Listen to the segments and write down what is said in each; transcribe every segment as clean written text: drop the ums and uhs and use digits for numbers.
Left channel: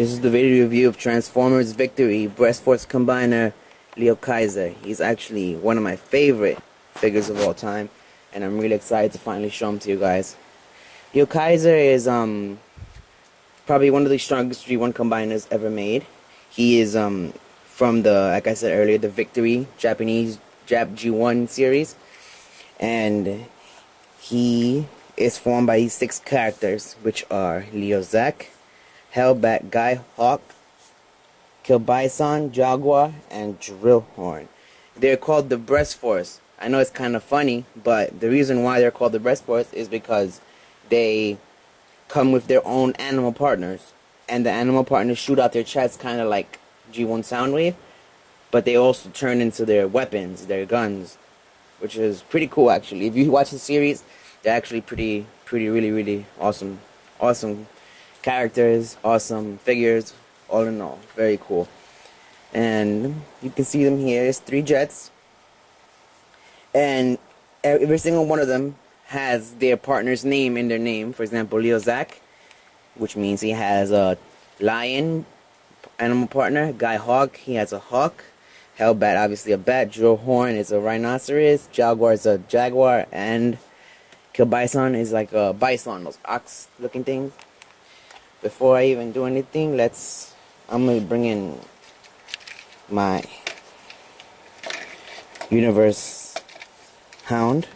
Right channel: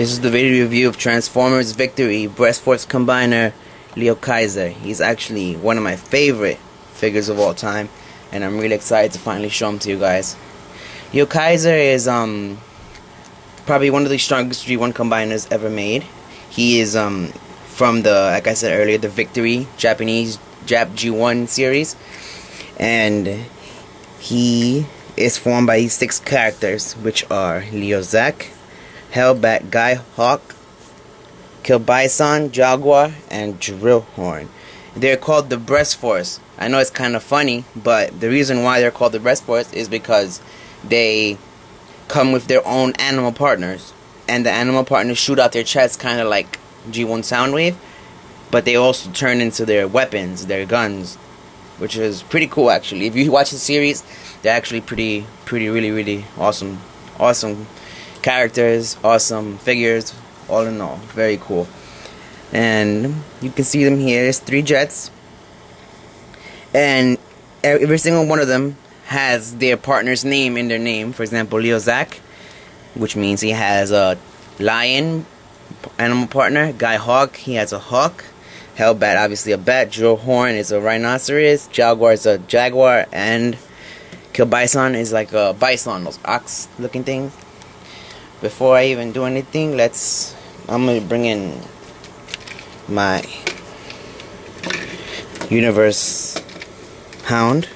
This is the video review of Transformers Victory Brestforce Combiner Leo Kaiser. He's actually one of my favorite figures of all time, and I'm really excited to finally show him to you guys. Leo Kaiser is probably one of the strongest G1 combiners ever made. He is from the, like I said earlier, the Victory Japanese Jap G1 series, and he is formed by these 6 characters, which are Leo Zack, Hellbat, Guy Hawk, Kilbison, Jaguar, and Drillhorn. They're called the Brestforce. I know it's kind of funny, but the reason why they're called the Brestforce is because they come with their own animal partners, and the animal partners shoot out their chests kind of like G1 Soundwave, but they also turn into their weapons, their guns, which is pretty cool actually. If you watch the series, they're actually really awesome characters, awesome figures, all in all, very cool. And you can see them here. There's 3 jets, and every single one of them has their partner's name in their name. For example, Leo Zack, which means he has a lion animal partner. Guy Hawk, he has a hawk. Hellbat, obviously a bat. Drillhorn is a rhinoceros. Jaguar is a jaguar, and Kilbison is like a bison, those ox looking things. Before I even do anything, I'm gonna bring in my Universe Hound.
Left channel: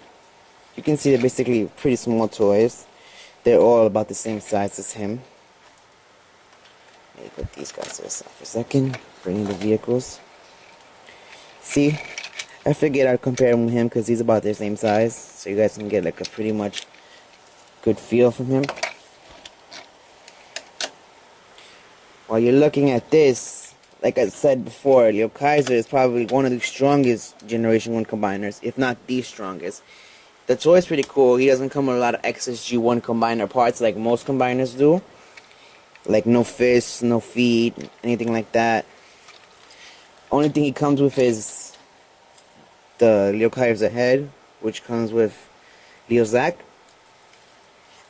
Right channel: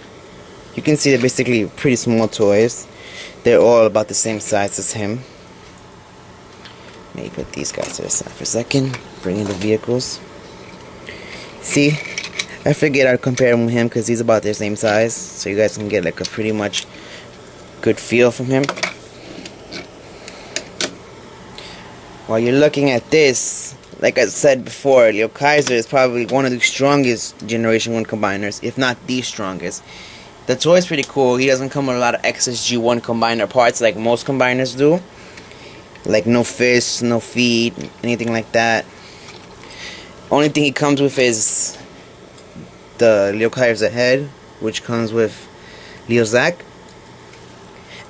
You can see they're basically pretty small toys. They're all about the same size as him. Let me put these guys to the side for a second. Bring in the vehicles. See, I figured I'd compare him with him because he's about the same size, so you guys can get like a pretty much good feel from him. While you're looking at this, like I said before, Leo Kaiser is probably one of the strongest Generation 1 combiners, if not the strongest. The toy is pretty cool. He doesn't come with a lot of excess G1 combiner parts like most combiners do. Like no fists, no feet, anything like that. Only thing he comes with is the Leo Kaiser head, which comes with Leo Zack.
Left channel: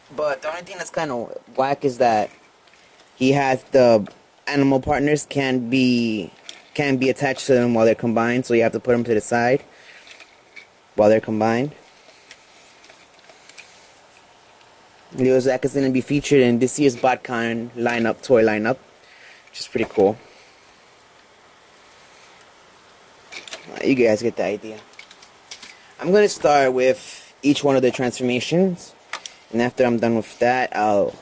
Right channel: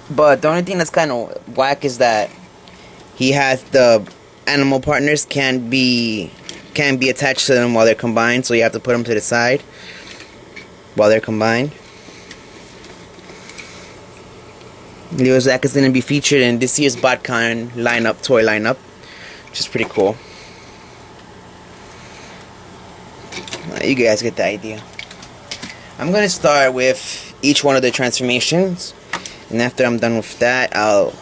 But the only thing that's kind of whack is that he has the animal partners can't be attached to them while they're combined, so you have to put them to the side while they're combined. Leo Zack is going to be featured in this year's BotCon toy lineup, which is pretty cool. You guys get the idea. I'm going to start with each one of the transformations, and after I'm done with that, I'll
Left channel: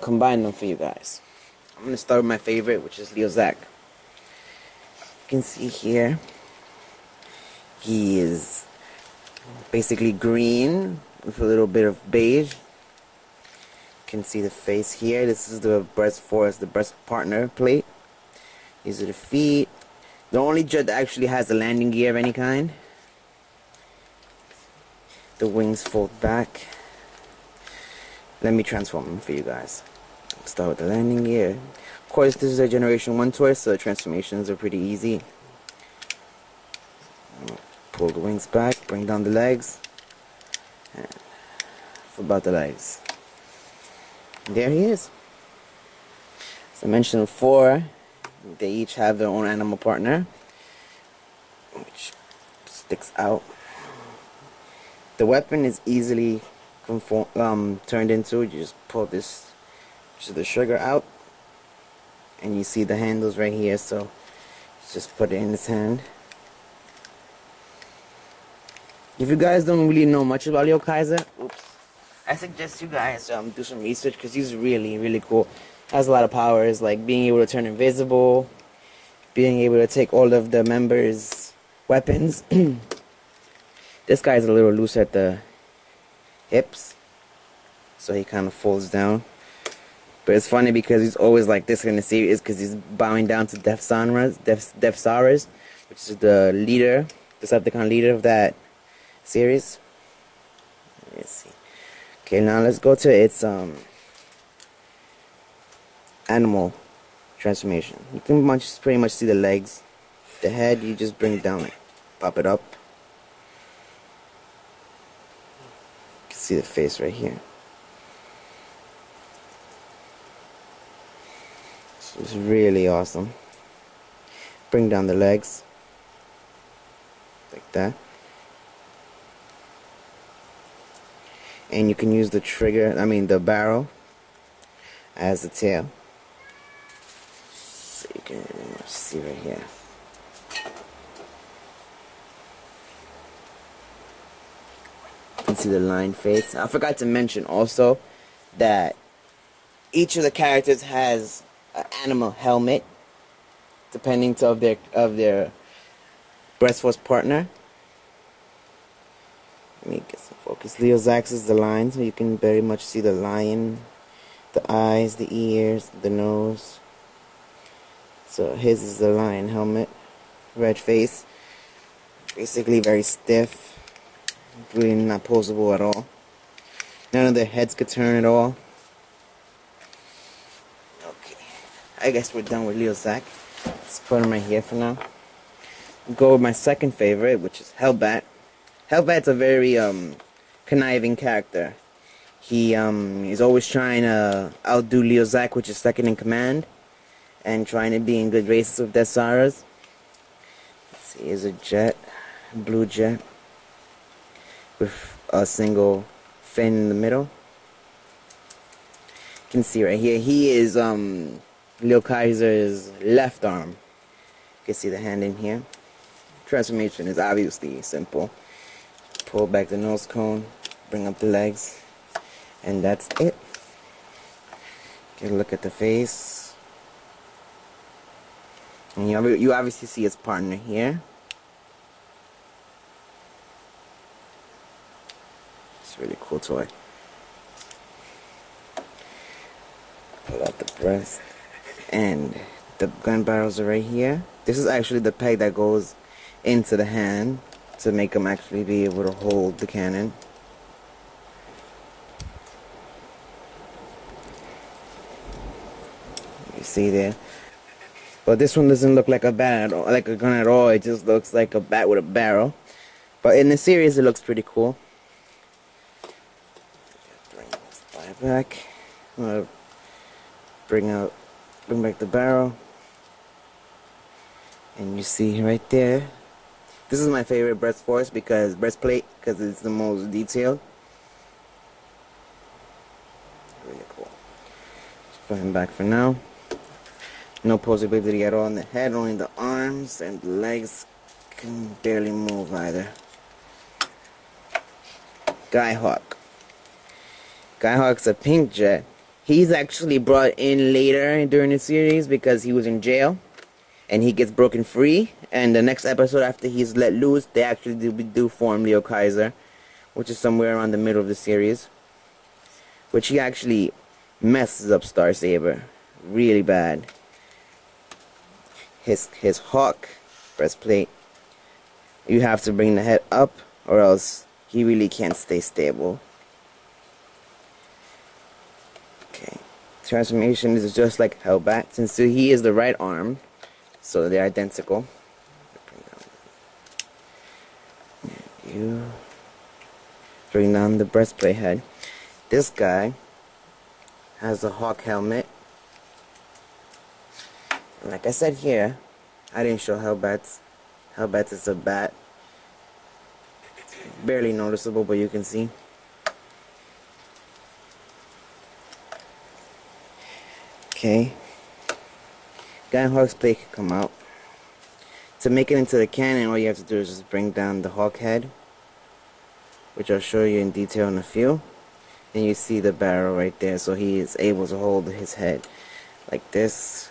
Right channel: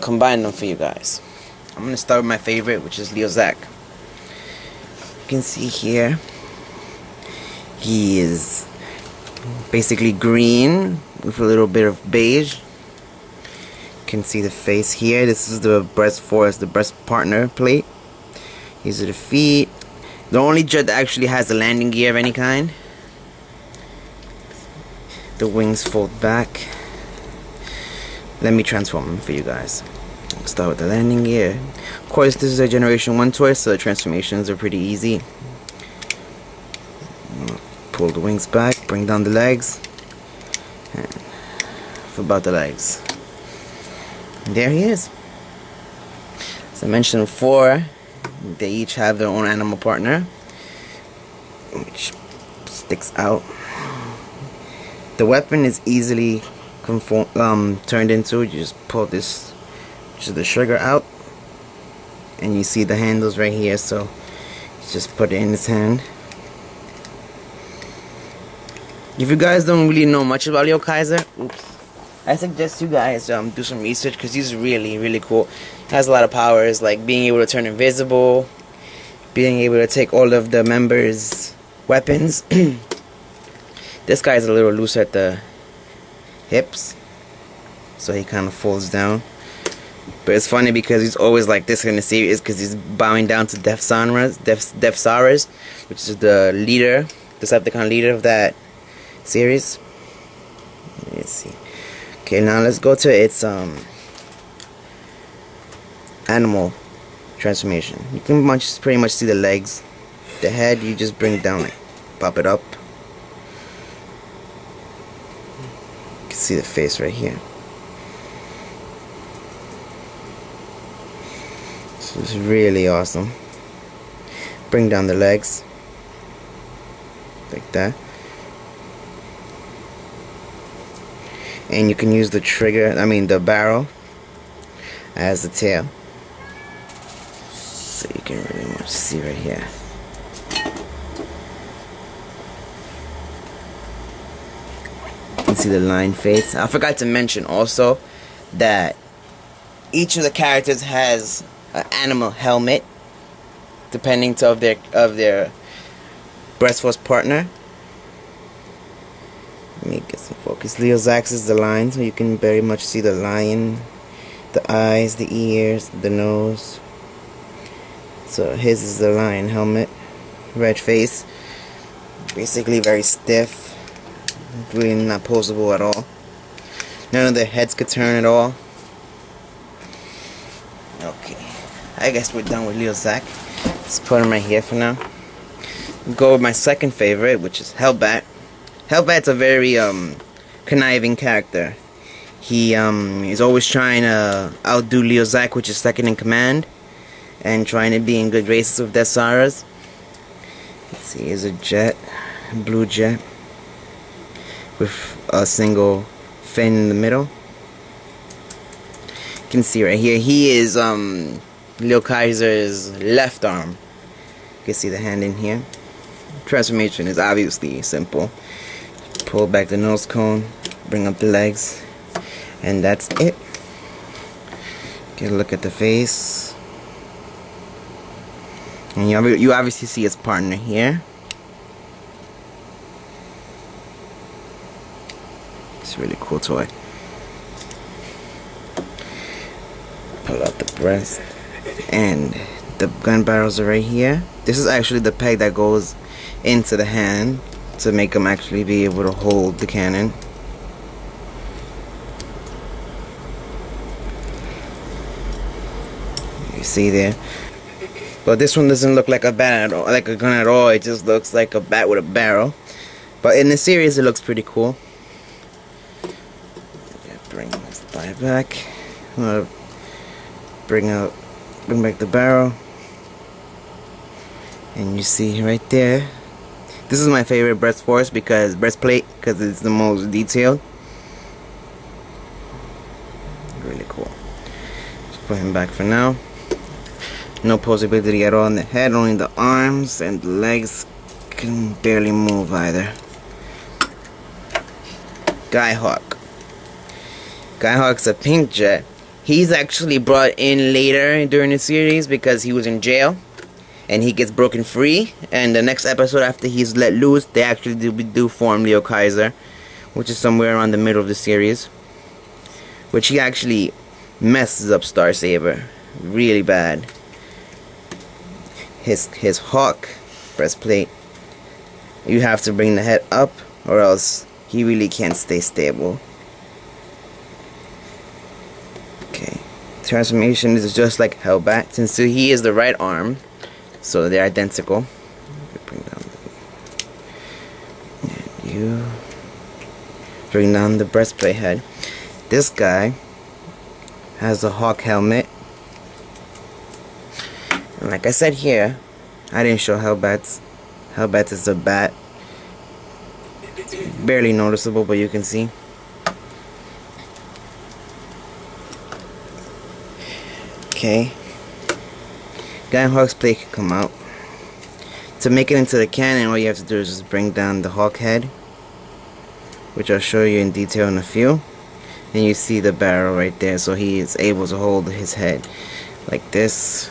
combine them for you guys. I'm going to start with my favorite, which is Leo Zack. You can see here, he is basically green with a little bit of beige. You can see the face here. This is the Brestforce, the breast partner plate. These are the feet. The only jet that actually has a landing gear of any kind. The wings fold back. Let me transform them for you guys. I'll start with the landing gear. Of course, this is a Generation 1 toy, so the transformations are pretty easy. Pull the wings back, bring down the legs, and flip out the legs. And there he is. As I mentioned before, they each have their own animal partner, which sticks out. The weapon is easily turned into. You just pull this, which is the trigger, out, and you see the handles right here, so you just put it in his hand. If you guys don't really know much about Leo Kaiser, I suggest you guys do some research, because he's really cool. He has a lot of powers, like being able to turn invisible, being able to take all of the members' weapons. This guy's a little loose at the hips, so he kind of folds down. But it's funny because he's always like this in the series, because he's bowing down to Deathsaurus, which is the leader, the Decepticon leader of that series. Let's see. Okay, now let's go to its animal transformation. You can pretty much see the legs. The head, you just bring it down, like, pop it up. You can see the face right here. This is really awesome. Bring down the legs like that, and you can use the trigger, the barrel as the tail, so you can really much see right here. You can see the line face. I forgot to mention also that each of the characters has an animal helmet depending of their Brestforce partner. Let me get some focus. Leo's axe is the lion, so you can very much see the lion, the eyes, the ears, the nose. So his is the lion helmet, red face, basically very stiff, really not posable at all. None of their heads could turn at all. Okay, I guess we're done with Leo's axe. Let's put him right here for now. Go with my second favorite, which is Hellbat. Hellbat's a very conniving character. He is always trying to outdo Leo Zack, which is second in command, and trying to be in good races with Desaras. Let's see, here's a jet, a blue jet, with a single fin in the middle. You can see right here, he is Leo Kaiser's left arm. You can see the hand in here. Transformation is obviously simple. Pull back the nose cone, bring up the legs, and that's it. Get a look at the face. And you obviously see his partner here. It's a really cool toy. Pull out the breast, and the gun barrels are right here. This is actually the peg that goes into the hand to make them actually be able to hold the cannon. You see there. But this one doesn't look like a bat at all, like a gun at all. It just looks like a bat with a barrel. But in the series, it looks pretty cool. Bring this thigh back. Bring back the barrel. And you see right there. This is my favorite Brestforce breastplate because it's the most detailed. Really cool. Just put him back for now. No posability at all in the head, only the arms, and the legs can barely move either. Skyhawk. Skyhawk's a pink jet. He's actually brought in later during the series because he was in jail. And he gets broken free, and the next episode after he's let loose, they actually do form Leo Kaiser, which is somewhere around the middle of the series, which he actually messes up Star Saber really bad. His hawk breastplate, you have to bring the head up, or else he really can't stay stable. Okay, transformation is just like Hellbat, since he is the right arm. So they're identical. You bring down the breastplate head. This guy has a hawk helmet. And like I said here, I didn't show Hellbat's. Hellbat is a bat. It's barely noticeable, but you can see. Okay. Hawk's plate can come out. To make it into the cannon, all you have to do is just bring down the hawk head, which I'll show you in detail in a few. And you see the barrel right there, so he is able to hold his head like this.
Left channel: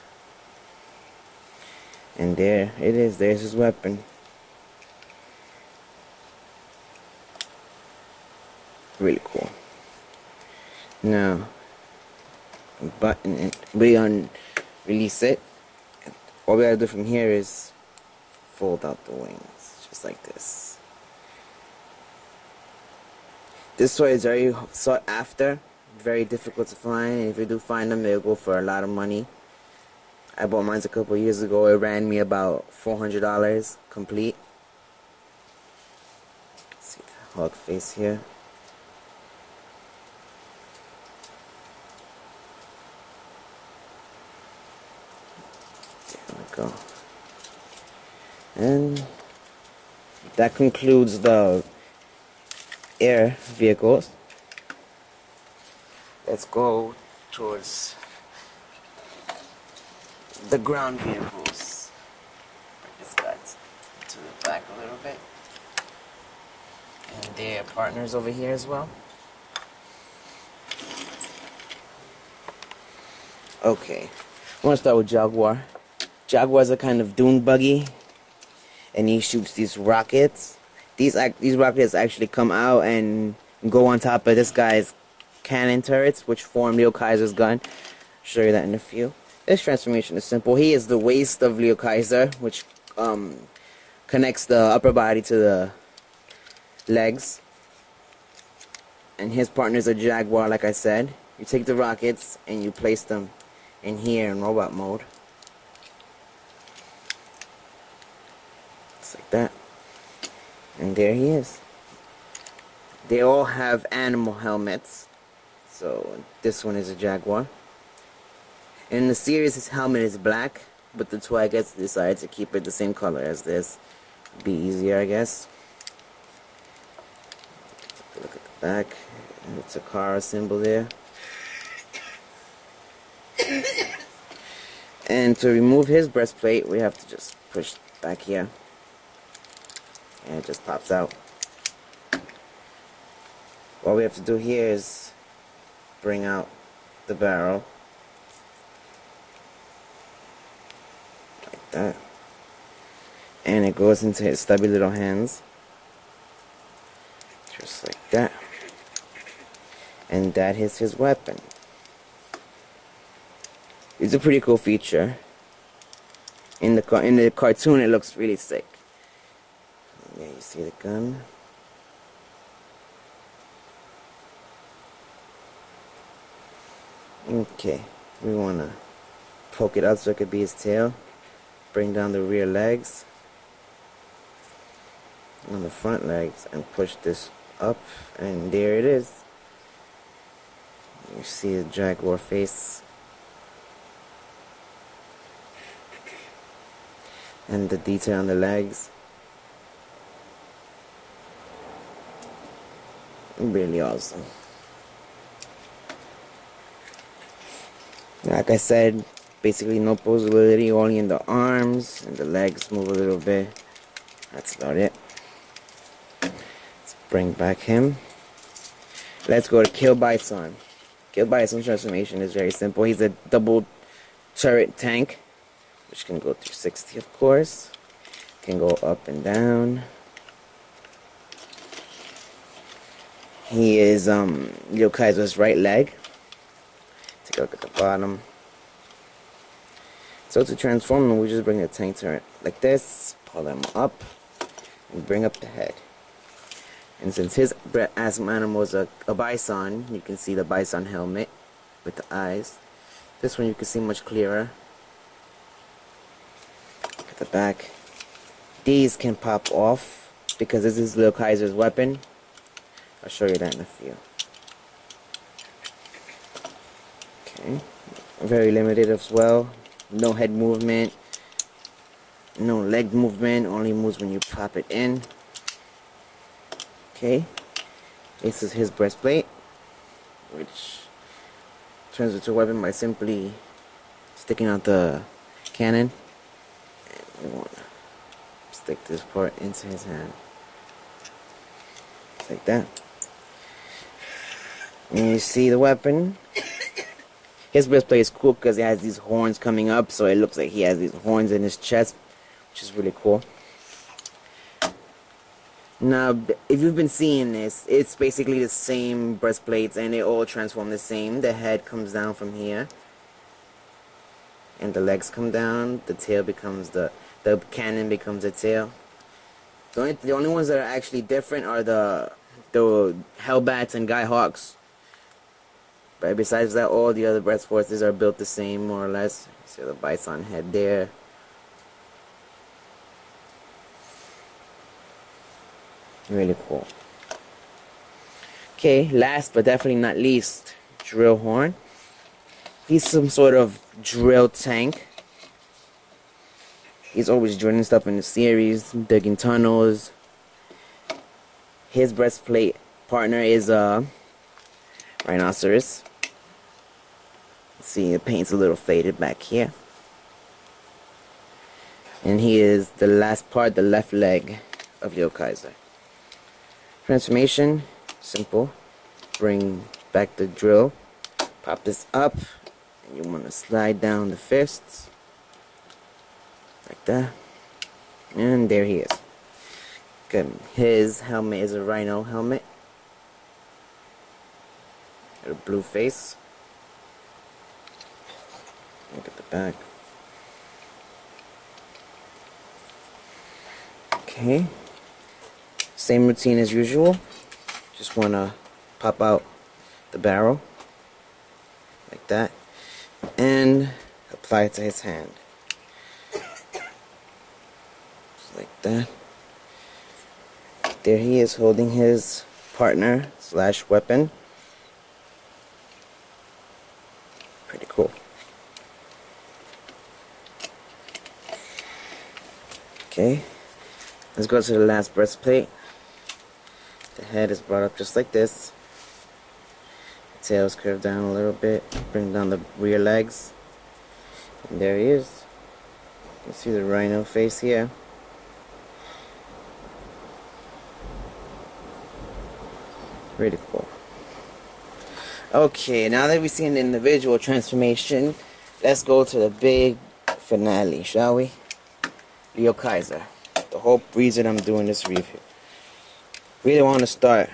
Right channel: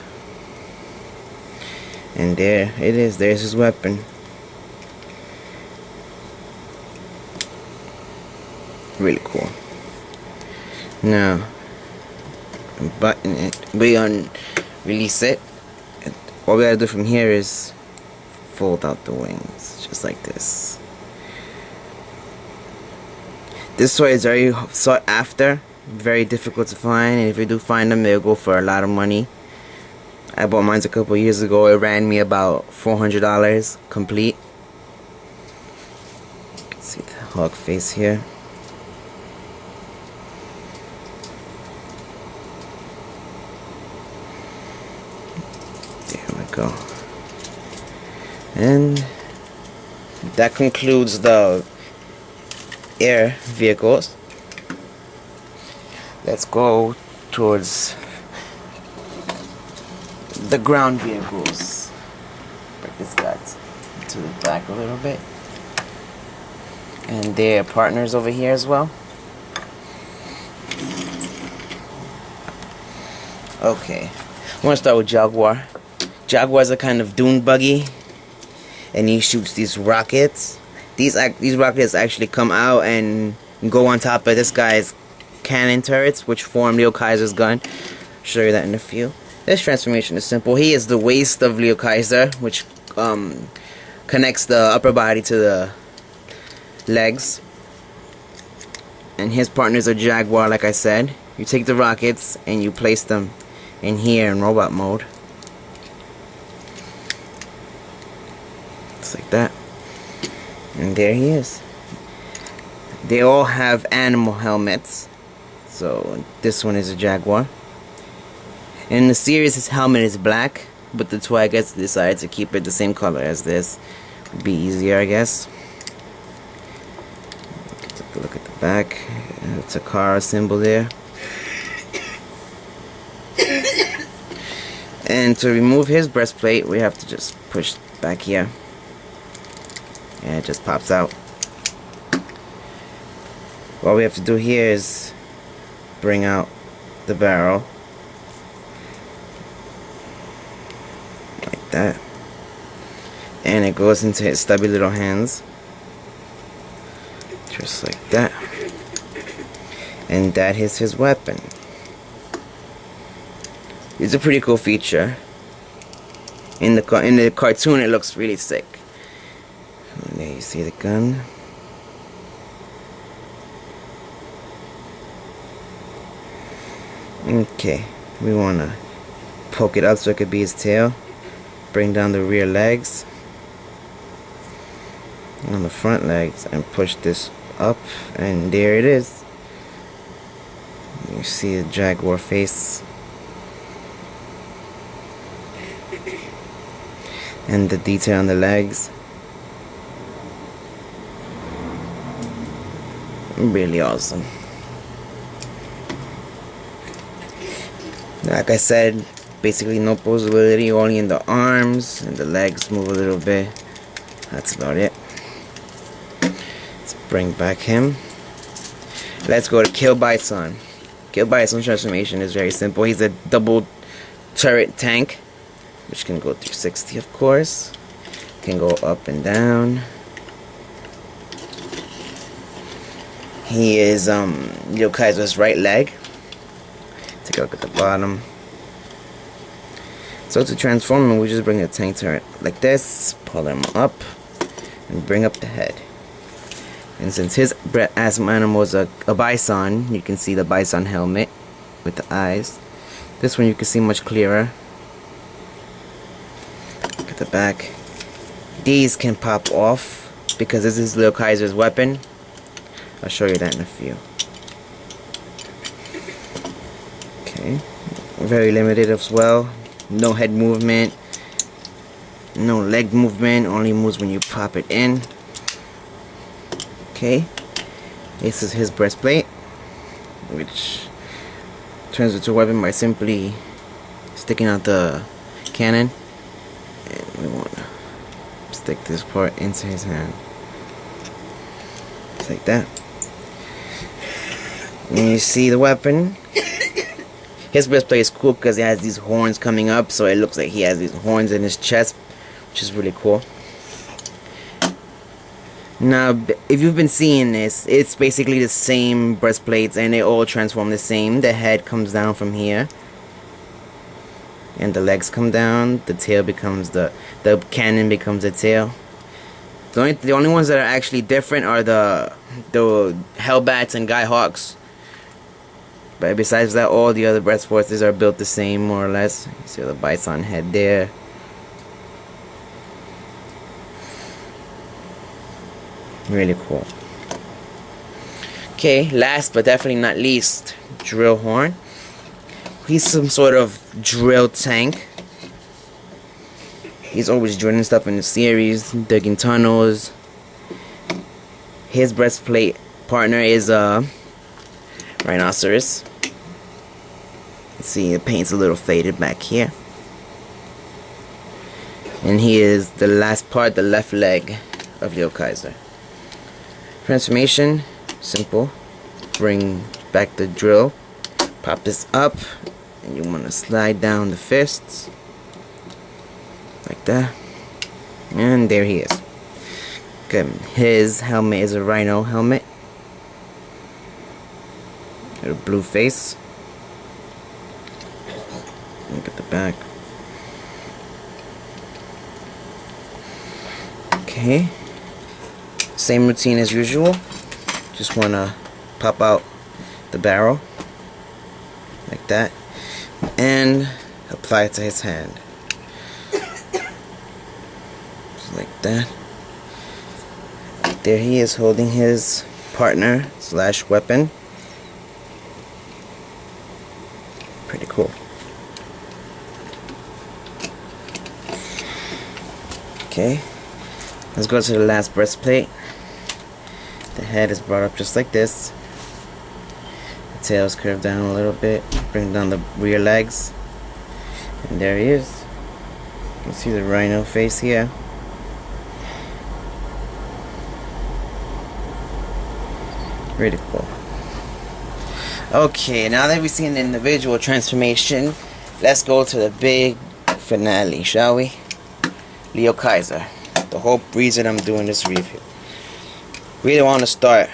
And there it is, there's his weapon. Really cool. Now, button it, release it. All we gotta do from here is fold out the wings, just like this. This toy is very sought after, very difficult to find, and if you do find them, they'll go for a lot of money. I bought mine a couple years ago. It ran me about $400 complete. You can see the hawk face here. go. And that concludes the air vehicles. Let's go towards the ground vehicles. Bring this guy to the back a little bit. And their partners over here as well. Okay, I want to start with Jaguar. Jaguar's a kind of dune buggy, and he shoots these rockets. These rockets actually come out and go on top of this guy's cannon turrets, which form Leo Kaiser's gun. I'll show you that in a few. This transformation is simple. He is the waist of Leo Kaiser, which connects the upper body to the legs. And his partners are Jaguar, like I said. You take the rockets and you place them in here in robot mode. Just like that. And there he is. They all have animal helmets. So this one is a Jaguar. In the series, his helmet is black, but the toy, I guess, decided to keep it the same color as this. Would be easier, I guess. Take a look at the back. It's a car symbol there. And to remove his breastplate, we have to just push back here. And it just pops out. All we have to do here is bring out the barrel. Like that. And it goes into his stubby little hands. Just like that. And that is his weapon. It's a pretty cool feature. In the cartoon, it looks really sick. And there you see the gun. Okay, we want to poke it up so it could be his tail. Bring down the rear legs on the front legs and push this up, and there it is. You see the Jaguar face and the detail on the legs. Really awesome. Like I said, basically no posability, only in the arms, and the legs move a little bit. That's about it. Let's bring back him. Let's go to Kill Bison. Kill Bison's transformation is very simple. He's a double turret tank, which can go 360, of course. Can go up and down. He is Leo Kaiser's right leg. Take a look at the bottom. So to transform him, we just bring a tank turret like this, pull him up, and bring up the head. And since his asthma animal is a bison, you can see the bison helmet with the eyes. This one you can see much clearer. Look at the back. These can pop off because this is Leo Kaiser's weapon. I'll show you that in a few. Okay, very limited as well. No head movement, no leg movement, only moves when you pop it in. Okay, this is his breastplate, which turns into a weapon by simply sticking out the cannon. And we want to stick this part into his hand. Just like that. And you see the weapon. His breastplate is cool because it has these horns coming up, so it looks like he has these horns in his chest, which is really cool. Now, if you've been seeing this, it's basically the same breastplates, and they all transform the same. The head comes down from here, and the legs come down. The tail becomes the cannon becomes the tail. The only ones that are actually different are the Hellbats and Guy Hawks. But besides that, all the other Brestforces are built the same, more or less. You see the bison head there. Really cool. Okay, last but definitely not least, Drill Horn. He's some sort of drill tank. He's always drilling stuff in the series, digging tunnels. His breastplate partner is a rhinoceros. Let's see, the paint's a little faded back here. And he is the last part, the left leg of Leo Kaiser. Transformation, simple. Bring back the drill, pop this up, and you want to slide down the fists like that, and there he is. Good. His helmet is a rhino helmet, got a blue face. Look at the back. Okay, same routine as usual. Just want to pop out the barrel like that and apply it to his hand. Just like that. There he is holding his partner / weapon. Pretty cool. Okay, let's go to the last breastplate. The head is brought up just like this. The tail's curved down a little bit. Bring down the rear legs. And there he is. You can see the rhino face here. Pretty cool. Okay, now that we've seen the individual transformation, let's go to the big finale, shall we? Leo Kaiser. The whole reason I'm doing this review. Really want to start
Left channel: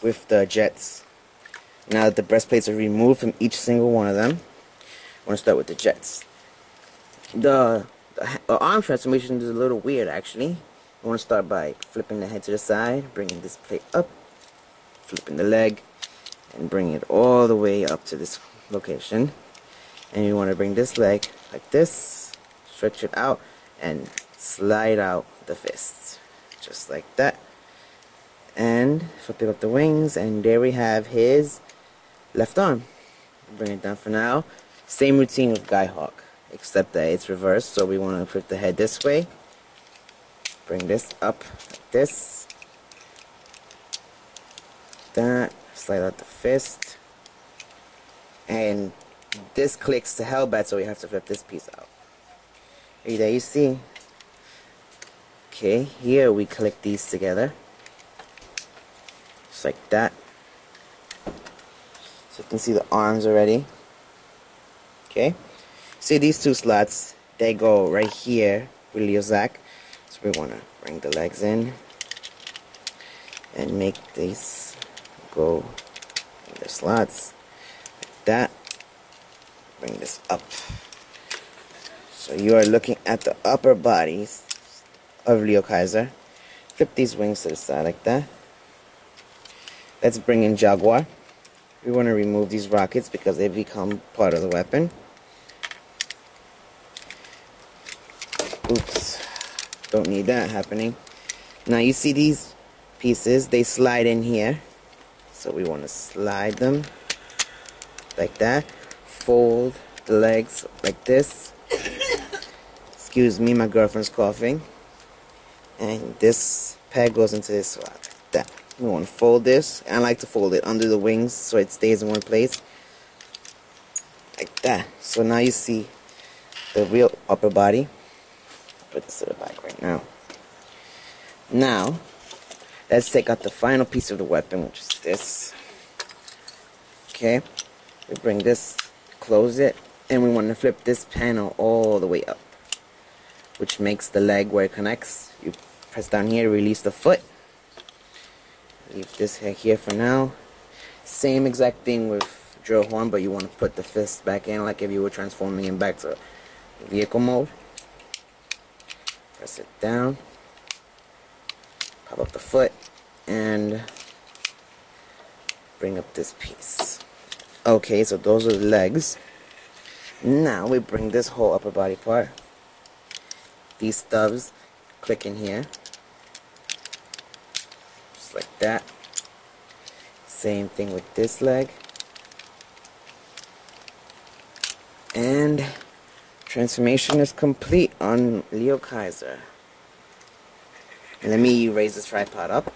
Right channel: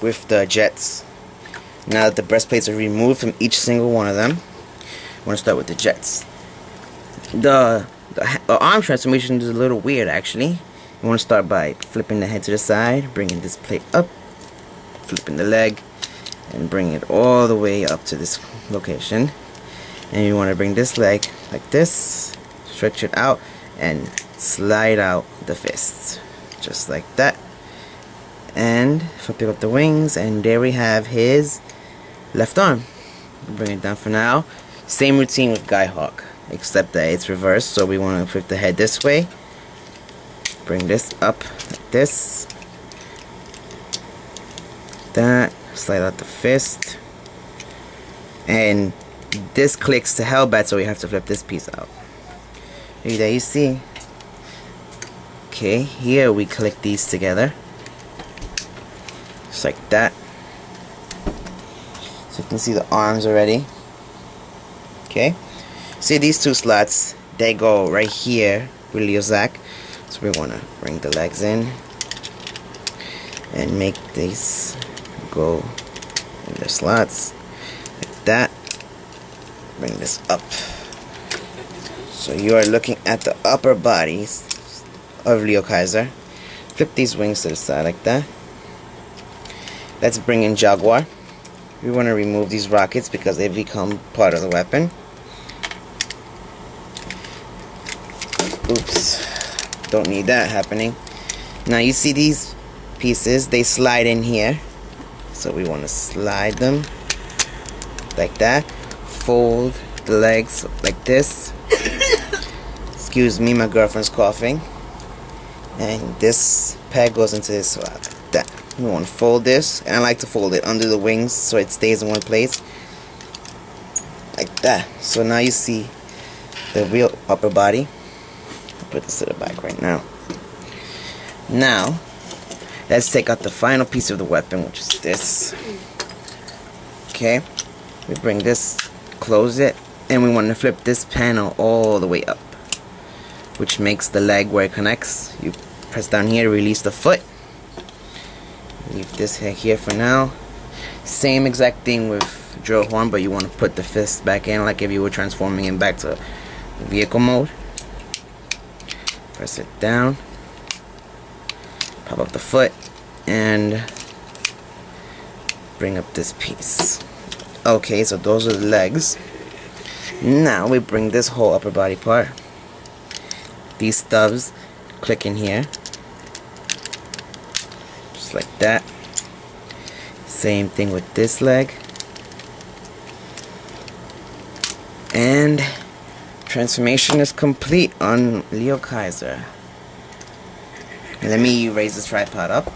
with the jets. Now that the breastplates are removed from each single one of them, I want to start with the jets. The arm transformation is a little weird actually. You want to start by flipping the head to the side, bringing this plate up, flipping the leg, and bring it all the way up to this location. And you want to bring this leg like this, stretch it out, and slide out the fists. Just like that. And flip up the wings, and there we have his left arm. Bring it down for now. Same routine with Guy Hawk, except that it's reversed. So we want to flip the head this way, bring this up like this, that, slide out the fist, and this clicks to hell bad, so we have to flip this piece out. There you see. Okay, here we click these together. Just like that. So you can see the arms already. Okay. See these two slots, they go right here with Leo Zach. So we want to bring the legs in and make these go in their slots. Like that. Bring this up. So you are looking at the upper bodies of Leo Kaiser. Flip these wings to the side like that. Let's bring in Jaguar. We want to remove these rockets because they become part of the weapon. Oops. Don't need that happening. Now you see these pieces, they slide in here. So we want to slide them like that. Fold the legs like this. Excuse me, my girlfriend's coughing. And this peg goes into this slot like that. You want to fold this, and I like to fold it under the wings so it stays in one place like that. So now you see the real upper body. I'll put this to the back right now. Now let's take out the final piece of the weapon, which is this. Okay, we bring this, close it, and we want to flip this panel all the way up, which makes the leg where it connects. You press down here to release the foot. Leave this here for now. Same exact thing with drill horn, but you want to put the fist back in like if you were transforming it back to vehicle mode. Press it down, pop up the foot, and bring up this piece. Okay, so those are the legs. Now we bring this whole upper body part. These stubs click in here. Just like that. Same thing with this leg. And Transformation is complete on Leo Kaiser. Let me raise this tripod up.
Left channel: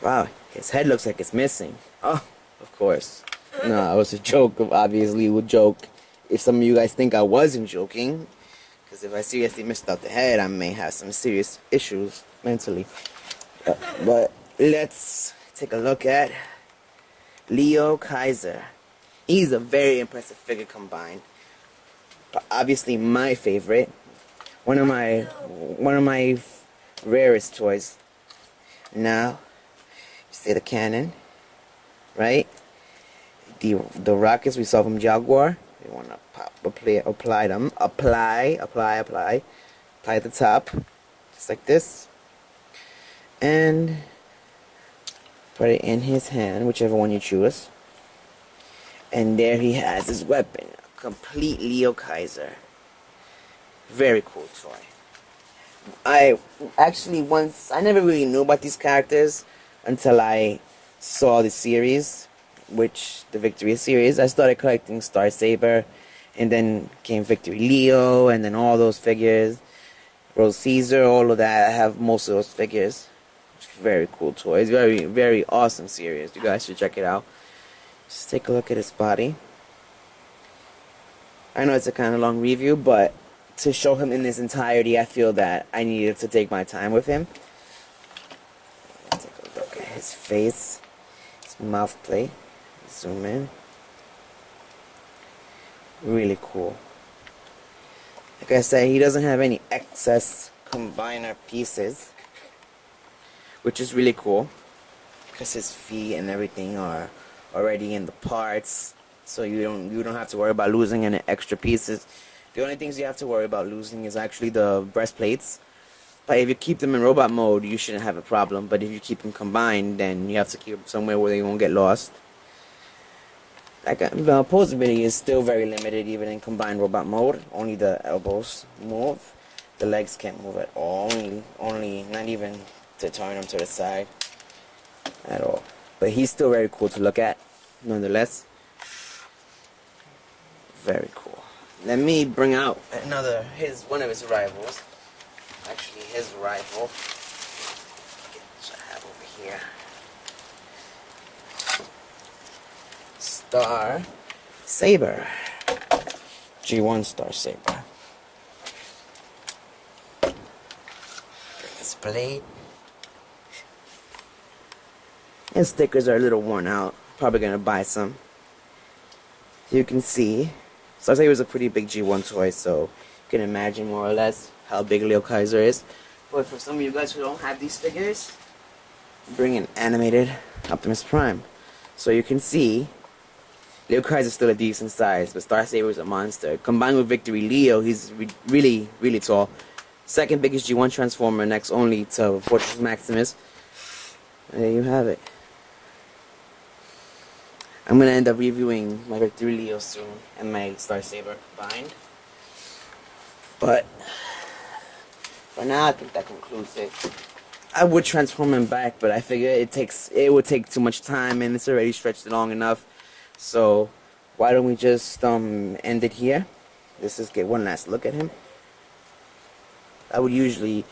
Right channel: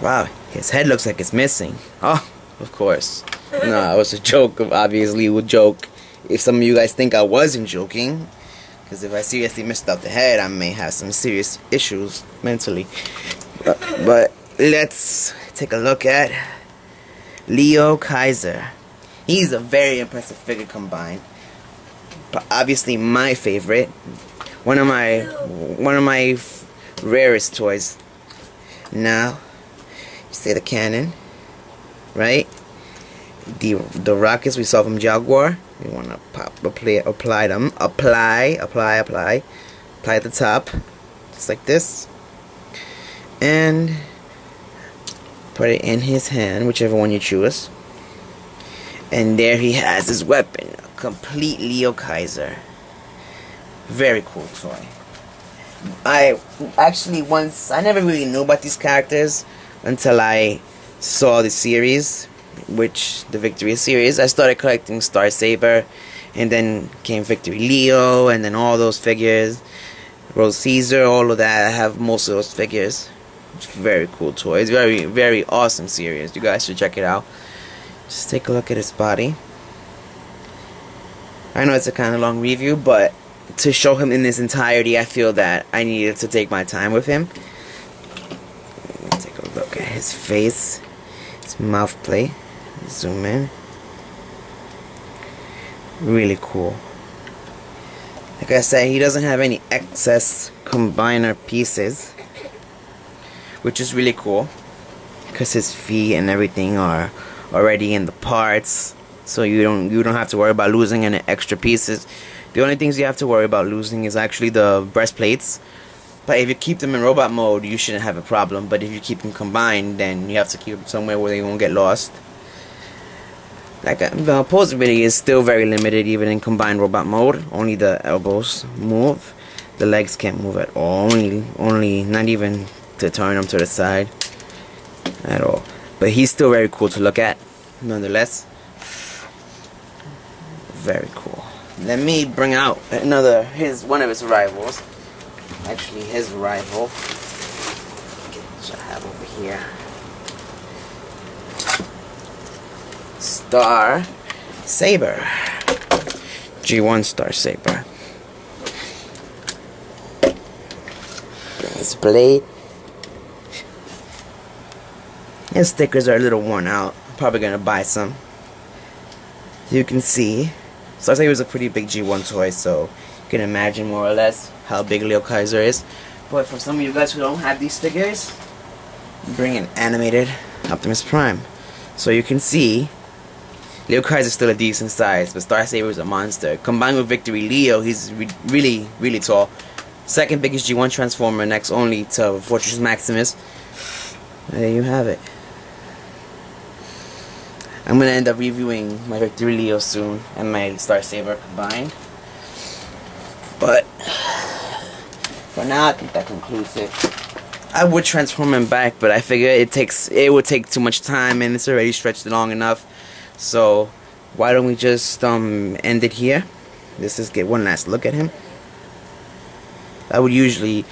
Wow, his head looks like it's missing. Oh, of course. No, it was a joke. Obviously, a joke. If some of you guys think I wasn't joking, because if I seriously missed out the head, I may have some serious issues mentally. But let's take a look at Leo Kaiser. He's a very impressive figure combined. Obviously, my favorite. One of my rarest toys. Now, you see the cannon, right? The rockets we saw from Jaguar. You want to apply at the top, just like this, and put it in his hand, whichever one you choose. And there he has his weapon, a complete Leo Kaiser. Very cool toy. I never really knew about these characters until I saw the series, the Victory series. I started collecting Star Saber, and then came Victory Leo, and then all those figures, Rose Caesar, all of that. I have most of those figures. It's very cool toy. It's very, very awesome series. You guys should check it out. Just take a look at his body. I know it's a kind of long review, but to show him in his entirety, I feel that I needed to take my time with him. Take a look at his face, his mouth plate. Zoom in. Really cool. Like I said, he doesn't have any excess combiner pieces, which is really cool, because his feet and everything are already in the parts, so you don't have to worry about losing any extra pieces. The only things you have to worry about losing is actually the breastplates. But if you keep them in robot mode, you shouldn't have a problem. But if you keep them combined, then you have to keep them somewhere where they won't get lost. Like the posability is still very limited, even in combined robot mode. Only the elbows move. The legs can't move at all. Only not even to turn them to the side at all. But he's still very cool to look at, nonetheless. Very cool. Let me bring out one of his rivals. Actually, his rival, which I have over here. Star Saber. G1 Star Saber. Bring his blade. His stickers are a little worn out. I'm probably gonna buy some. You can see, Star Saber is a pretty big G1 toy, so you can imagine more or less how big Leo Kaiser is. But for some of you guys who don't have these figures, bring an animated Optimus Prime. So you can see Leo Kaiser is still a decent size, but Star Saber is a monster. Combined with Victory Leo, he's really, really tall. Second biggest G1 Transformer, next only to Fortress Maximus. There you have it. I'm gonna end up reviewing my Victory Leo soon and my Star Saber combined. But for now, I think that concludes it. I would transform him back, but I figure it would take too much time, and it's already stretched long enough. So why don't we just end it here? Let's just get one last look at him. I would usually,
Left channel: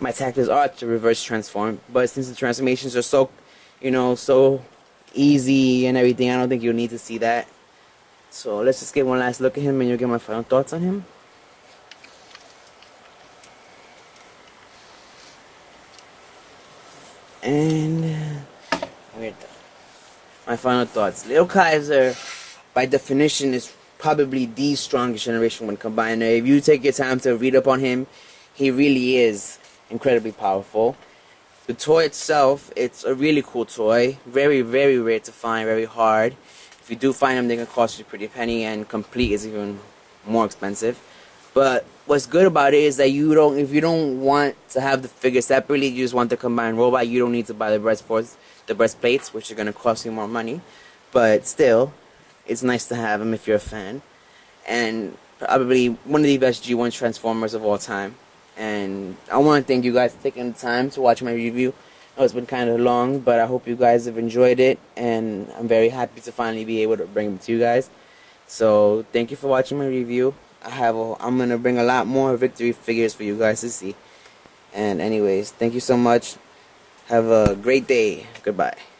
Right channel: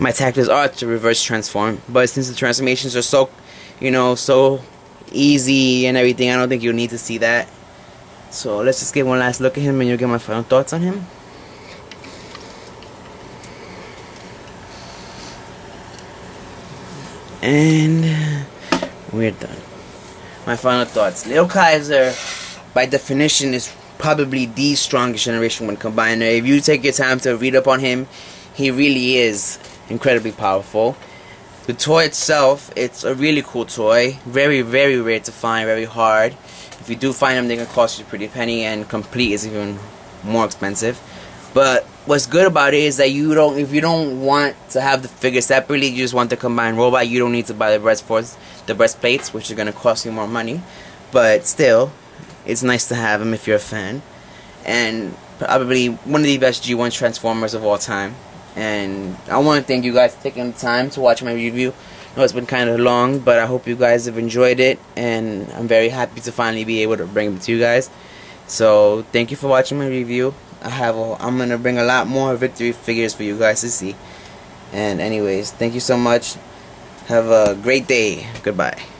my tactics are to reverse transform, but since the transformations are so, so easy and everything, I don't think you'll need to see that. So let's just get one last look at him, and you'll get my final thoughts on him. And we're done. My final thoughts. Leo Kaiser, by definition, is probably the strongest Generation 1 combiner. If you take your time to read up on him, he really is incredibly powerful. The toy itself, it's a really cool toy. Very, very rare to find, very hard. If you do find them, they can cost you a pretty penny, and complete is even more expensive. But what's good about it is that if you don't want to have the figure separately, you just want the combined robot, you don't need to buy the Brestforce, the breastplates, which are going to cost you more money. But still, it's nice to have them if you're a fan. And probably one of the best G1 Transformers of all time. And I want to thank you guys for taking the time to watch my review. I know it's been kind of long, but I hope you guys have enjoyed it. And I'm very happy to finally be able to bring it to you guys. So thank you for watching my review. I'm gonna bring a lot more victory figures for you guys to see. And anyways, thank you so much. Have a great day. Goodbye.